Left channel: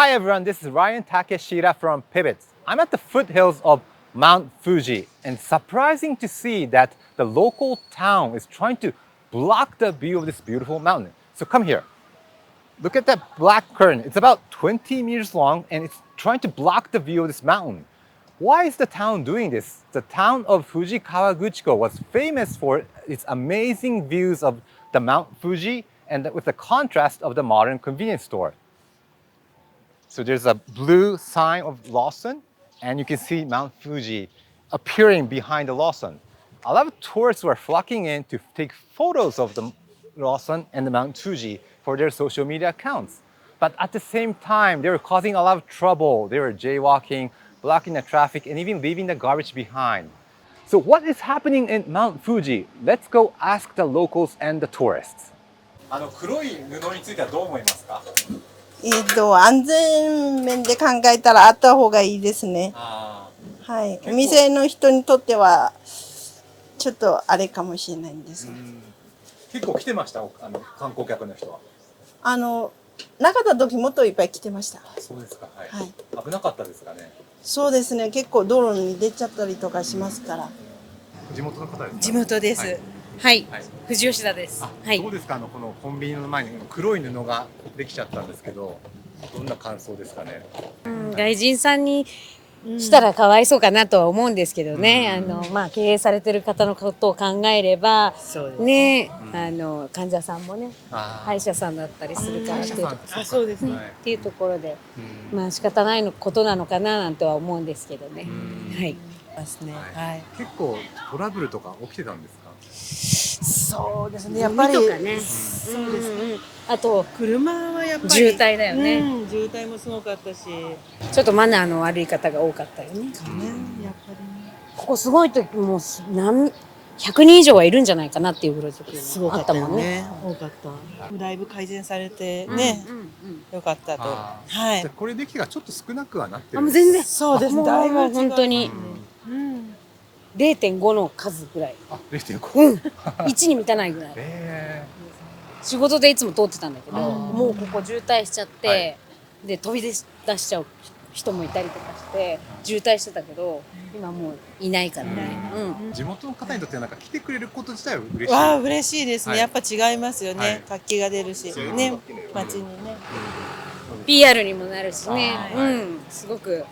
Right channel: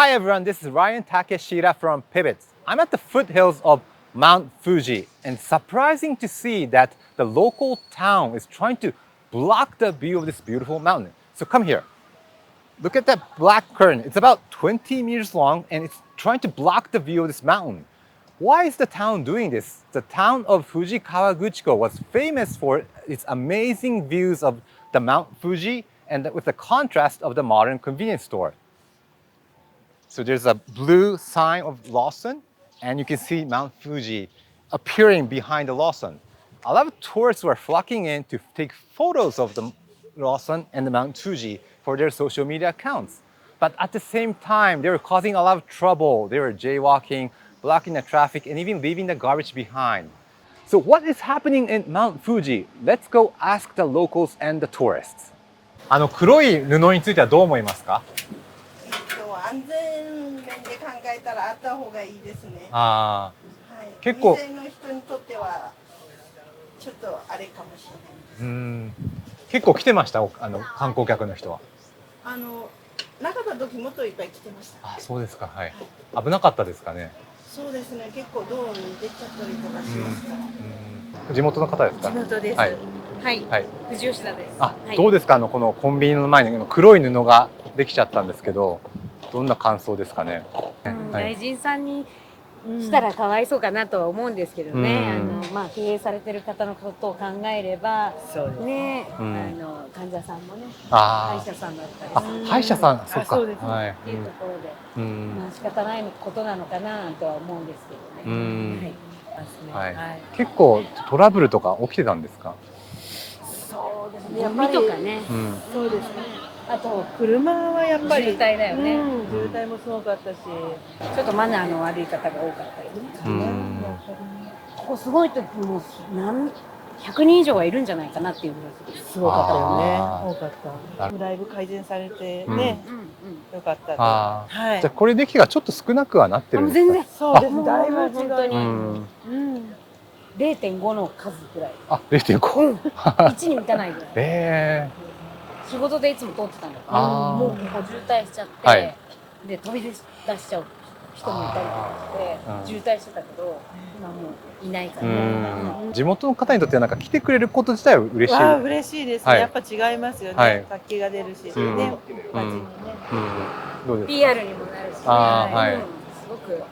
Hi everyone, this is Ryan Takeshita from Pivots. I'm at the foothills of Mount Fuji, and surprising to see that the local town is trying to block the view of this beautiful mountain. So come here. Look at that black curtain. It's about 20 meters long and it's trying to block the view of this mountain. Why is the town doing this? The town of Fuji Kawaguchiko was famous for its amazing views of the Mount Fuji and with the contrast of the modern convenience store. So there's a blue sign of Lawson, and you can see Mount Fuji appearing behind the Lawson. A lot of tourists were flocking in to take photos of the Lawson and the Mount Fuji for their social media accounts. But at the same time, they were causing a lot of trouble. They were jaywalking, blocking the traffic, and even leaving the garbage behind. So what is happening in Mount Fuji? Let's go ask the locals and the tourists. 黒い布についてはどう思いますか？安全面で考えたらあった方がいいですね。ああ、はい。結構お店の人にとってはちょっとあれかもしれないんです。結構来てました。観光客の人は。なかった時もっといっぱい来てました。あ、そうですか。はい。はい。危なかったですかね。そうですね。結構道路に出ちゃったりとかしますから。地元の方ですか？地元です。はいはい。藤吉田です。あ、はい。どうですか？このコンビニの前に黒い布ができちゃったんですけど、どんな感想ですかね。外人さんにしたらかわいそうかなとは思うんですけどね。経営されてる方のことを考えれば、ね、患者さんもね、歯医者さんだったりする。歯医者さん、そうですね。っていうところで、仕方ないことなのかななんては思うんですけどね。はい。結構トラブルとか起きてたんですか？そうですね。やっぱりとかね。そうですね。あと車はやっぱり渋滞だよね。渋滞もすごかったし、ちょっとマナーの悪い方が多かったよね。やっぱりここすごい時も100人以上はいるんじゃないかなっていうぐらいすごかったよね。多かった。だいぶ改善されてね、よかった。はい。じゃあこれできがちょっと少なくはなってるんですか？全然そうですね。だいぶ本当に 0.5 の数ぐらい。あ、0.5。1に満たないぐらい。仕事でいつも通ってたんだけど、もうここ渋滞しちゃって、で飛び出しちゃう人もいたりとかして渋滞してたけど、今もういないからね。地元の方にとってはなんか来てくれること自体は嬉しい。嬉しいですね。やっぱ違いますよね。活気が出るし、ね、街にね。PR にもなるしね。すごく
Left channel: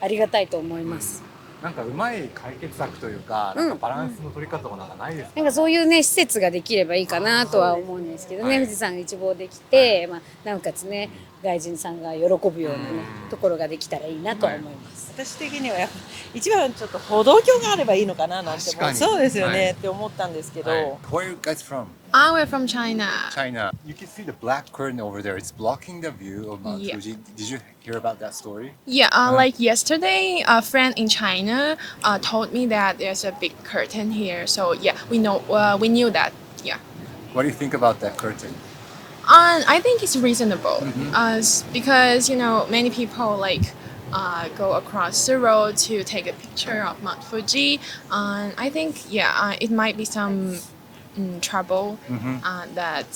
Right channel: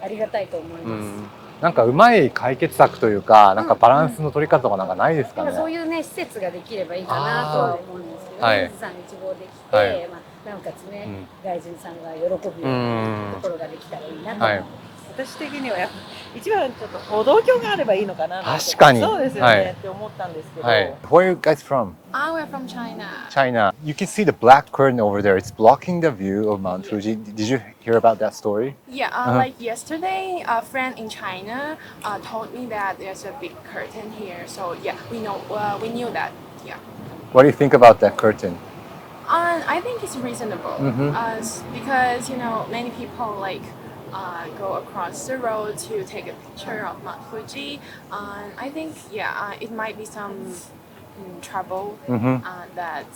ありがたいと思います。なんかうまい解決策というか、なんかバランスの取り方とかなんかないですかね。そういうね施設ができればいいかなとは思うんですけどね。富士山が一望できて、なおかつね外人さんが喜ぶようなところができたらいいなと思います。私的にはやっぱ一番ちょっと歩道橋があればいいのかな。確かに。そうですよねって思ったんですけど。Where are you guys from? We're from China. China. You can see the black curtain over there. It's blocking the view of Mount Fuji. Did you hear about that story? Yeah, like yesterday, a friend in China told me that there's a big curtain here. So yeah, we knew that. Yeah. What do you think about that curtain? I think it's reasonable because many people go across the road to take a picture of Mount Fuji. I think it might be some trouble that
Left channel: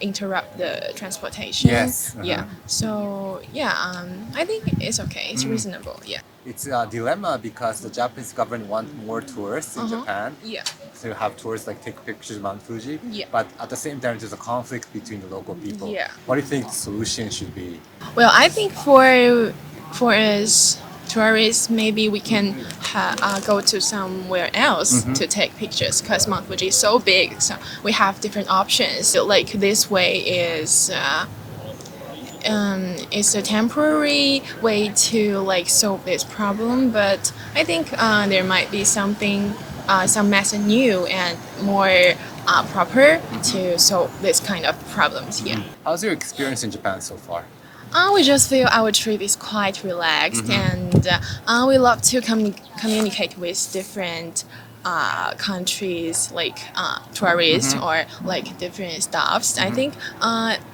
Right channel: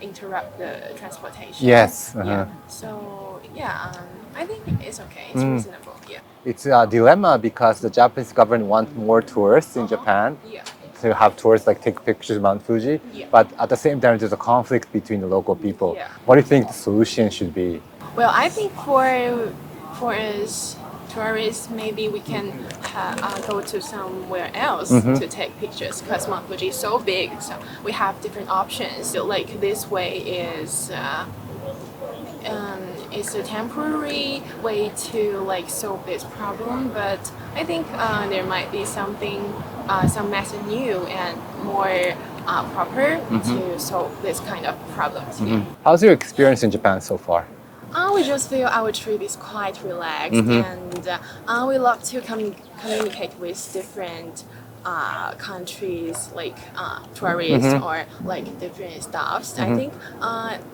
interrupt the transportation. Yes. Yeah. So I think it's okay. It's reasonable. Yeah. It's a dilemma because the Japanese government wants more tourists in Japan. Yeah. To have tourists take pictures of Mount Fuji. Yeah. But at the same time, there's a conflict between the local people. Yeah. What do you think the solution should be? Well, I think for us tourists, maybe we can go to somewhere else to take pictures because Mount Fuji is so big. So we have different options. So this way is it's a temporary way to solve this problem. But I think there might be some method new and more proper to solve this kind of problems. Yeah. How's your experience in Japan so far? We just feel our trip is quite relaxed, and we love to communicate with different countries, tourists or different staffs. I think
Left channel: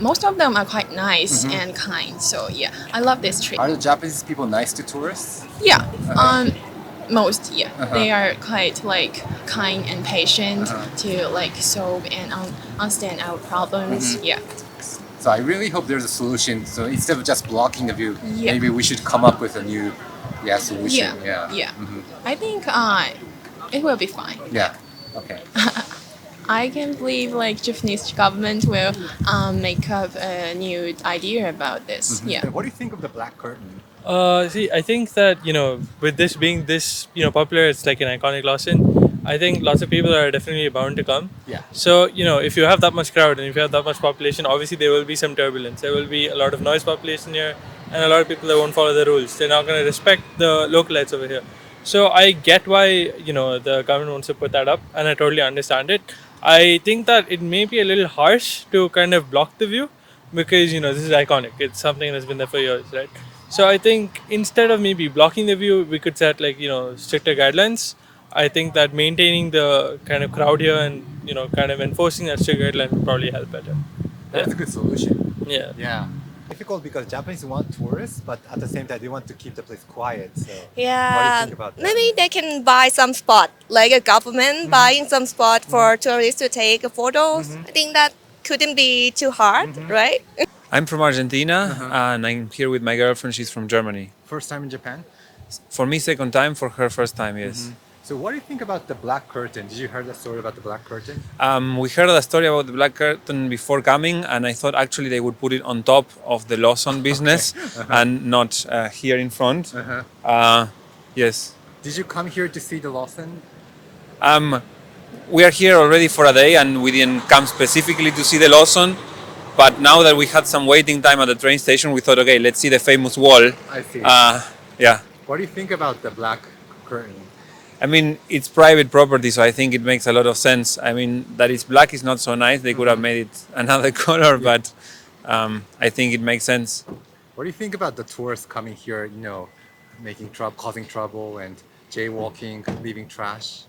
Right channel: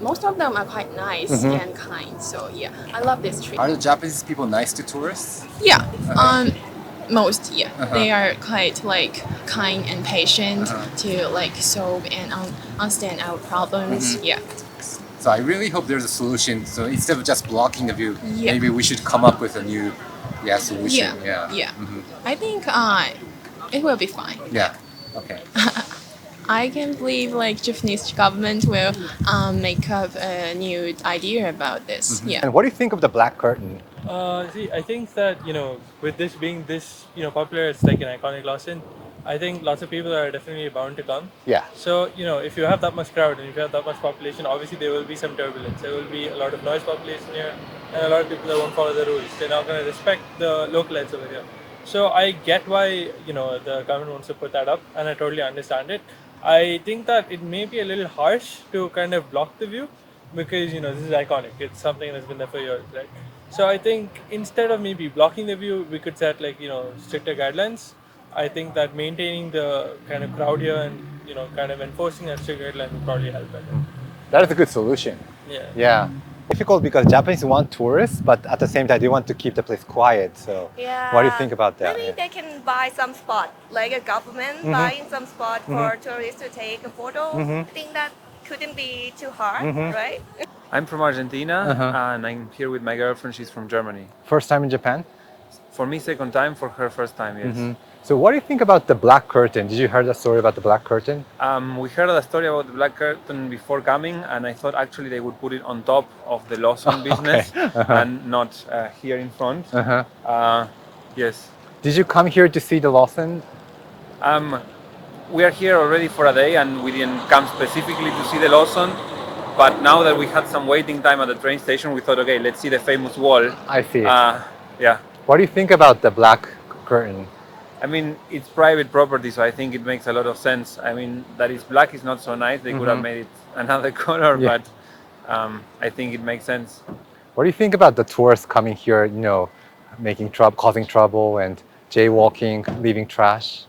most of them are quite nice and kind. So yeah, I love this trip. Are the Japanese people nice to tourists? Yeah. Most, they are quite kind and patient to solve and understand our problems. Yeah. So I really hope there's a solution. So instead of just blocking the view, Yeah. maybe we should come up with a new solution. Yeah. I think it will be fine. Yeah. Okay. I can't believe like Japanese government will make up a new idea about this. Yeah. And what do you think of the black curtain? See, I think that with this being this popular, it's like an iconic Lawson. I think lots of people are definitely bound to come. Yeah. So if you have that much crowd and if you have that much population, obviously there will be some turbulence. There will be a lot of noise population here, and a lot of people that won't follow the rules. They're not going to respect the localites over here. So I get why the government wants to put that up, and I totally understand it. I think that it may be a little harsh to kind of block the view because this is iconic. It's something that's been there for years, right? So I think instead of maybe blocking the view, we could set like stricter guidelines. I think that maintaining the kind of crowd here and kind of enforcing that strict guideline would probably help better. That is a good solution. Yeah. Yeah. Difficult because Japanese want tourists, but at the same time they want to keep the place quiet. So Yeah. what do you think about that? Maybe they can buy some spot, like a government buying some spot for tourists to take photos. I think that couldn't be too hard, right? I'm from Argentina and I'm here with my girlfriend. She's from Germany. First time in Japan? For me, second time. For her, first time, yes. So what do you think about the black curtain? Did you hear the story about the black curtain? We heard a story about the black curtain before coming, and I thought actually they would put it on top of the Lawson business and not here in front. Yes. Did you come here to see the Lawson? We are here already for a day, and we didn't come specifically to see the Lawson. But now that we had some waiting time at the train station, we thought, okay, let's see the famous wall. I see. Yeah. What do you think about the black curtain? I mean, it's private property, so I think it makes a lot of sense. I mean, that it's black is not so nice. They could have made it another color, but I think it makes sense. What do you think about the tourists coming here, making trouble, causing trouble and jaywalking, leaving trash?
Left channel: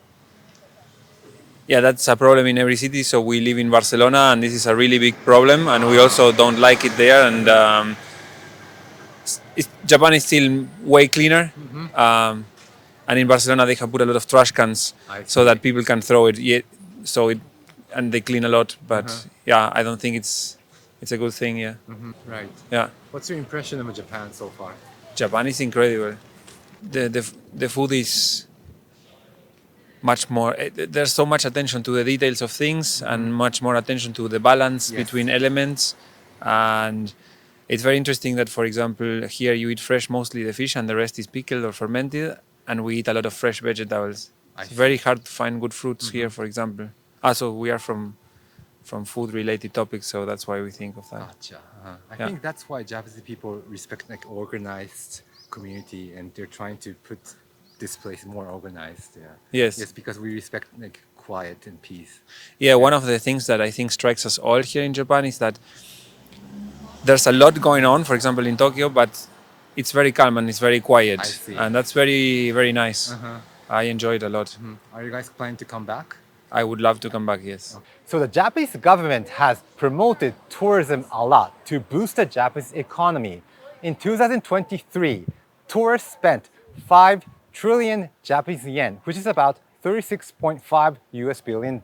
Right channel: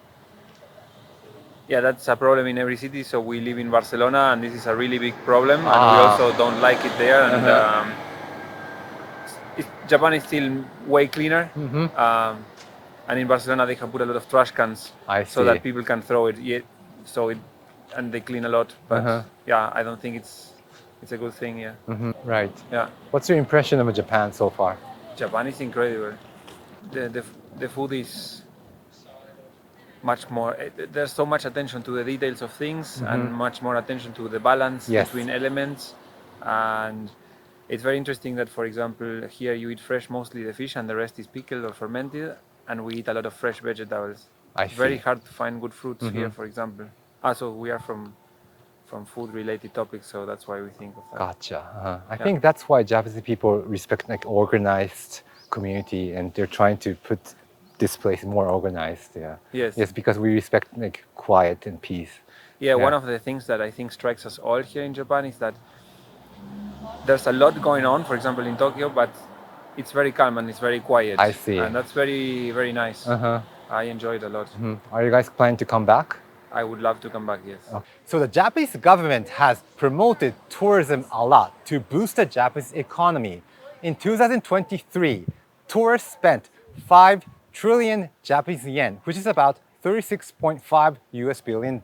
Yeah, that's a problem in every city. So we live in Barcelona, and this is a really big problem, and we also don't like it there. And Japan is still way cleaner. And in Barcelona, they have put a lot of trash cans so that people can throw it. And they clean a lot. But yeah, I don't think it's a good thing. Yeah. Right. Yeah. What's your impression of Japan so far? Japan is incredible. The food is much more. There's so much attention to the details of things and much more attention to the balance between elements. And it's very interesting that, for example, here you eat fresh mostly the fish and the rest is pickled or fermented. And we eat a lot of fresh vegetables. It's very hard to find good fruits here, for example. So we are from food-related topics, so that's why we think of that. Gotcha. I think that's why Japanese people respect like organized community, and they're trying to put this place more organized. Yeah. Yes. Yes, because we respect like quiet and peace. Yeah, one of the things that I think strikes us all here in Japan is that there's a lot going on, for example, in Tokyo, but it's very calm and it's very quiet. I see. And that's very, very nice. I enjoy it a lot. Are you guys planning to come back? I would love to come back, yes. So the Japanese government has promoted tourism a lot to boost the Japanese economy. In 2023, tourists spent 5 trillion Japanese yen, which is about $36.5 billion.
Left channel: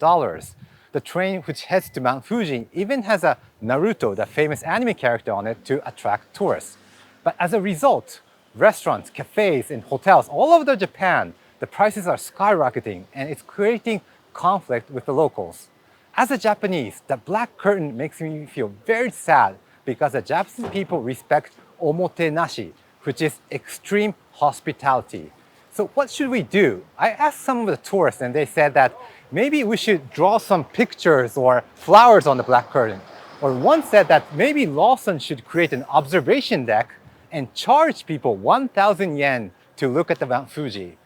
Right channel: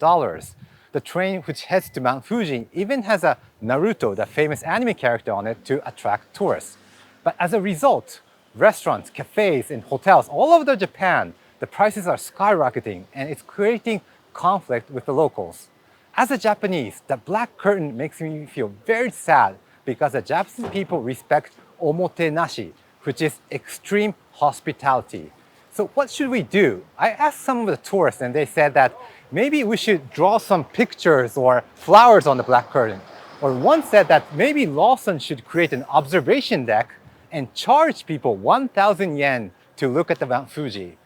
The train, which heads to Mount Fuji, even has a Naruto, the famous anime character, on it to attract tourists. But as a result, restaurants, cafes, and hotels all over Japan, the prices are skyrocketing, and it's creating conflict with the locals. As a Japanese, the black curtain makes me feel very sad because the Japanese people respect omotenashi, which is extreme hospitality. So what should we do? I asked some of the tourists, and they said that maybe we should draw some pictures or flowers on the black curtain. Or one said that maybe Lawson should create an observation deck and charge people 1,000 yen to look at the Mount Fuji.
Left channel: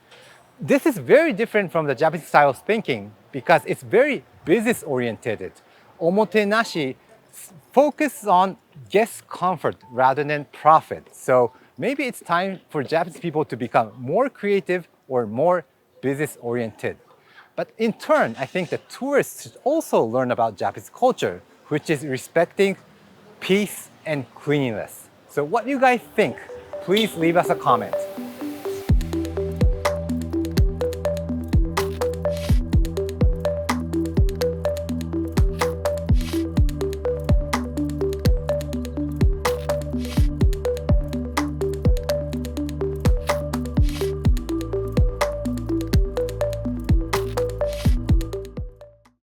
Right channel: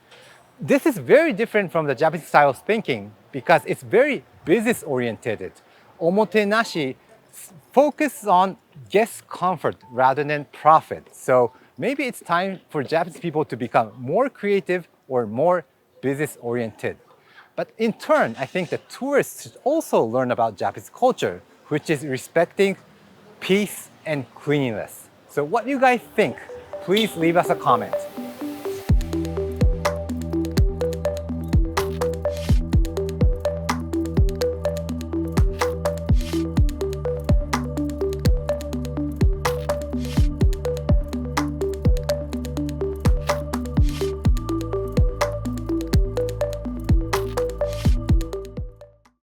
This is very different from the Japanese style of thinking because it's very business-oriented. Omotenashi focuses on guest comfort rather than profit. So maybe it's time for Japanese people to become more creative or more business-oriented. But in turn, I think that tourists should also learn about Japanese culture, which is respecting peace and cleanliness. So what do you guys think? Please leave us a comment.